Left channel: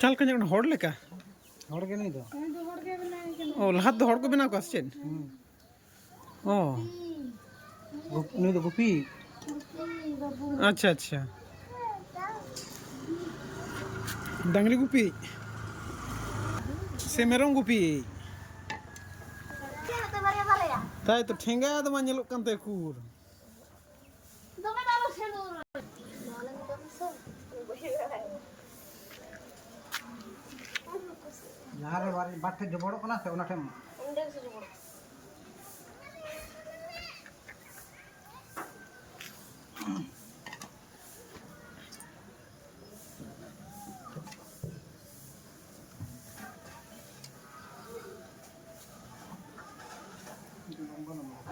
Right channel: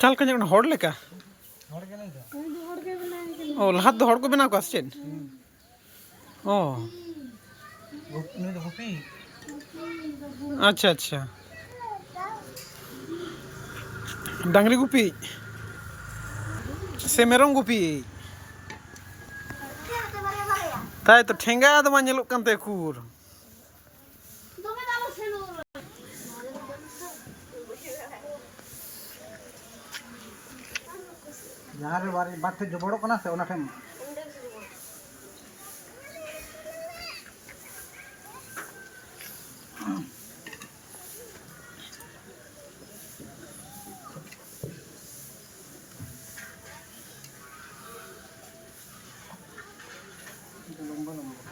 ᱪᱟᱞ ᱠᱟᱹᱧ ᱚᱱᱟ ᱦᱚᱲ ᱞᱮᱠᱟ ᱦᱚᱲ ᱜᱮ ᱱᱩᱭ ᱫᱚ ᱚ ᱞᱟᱦᱟ ᱫᱚ ᱦᱚᱲ ᱠᱚ ᱵᱮᱱᱟᱣ ᱠᱚᱣᱟ ᱥᱮ ᱪᱮᱫ ᱚ ᱱᱩᱭ ᱫᱚ ᱜᱩᱯᱤ ᱟᱪᱪᱷᱟ ᱟᱪᱪᱷᱟ डांगरी गुपी से मेरम गुपी ताई तो ठेंगा तो मा नेलोग कांते कुर जहाँ रे बात थे जबड़ो कना से ओना ठेम लंबा लंबा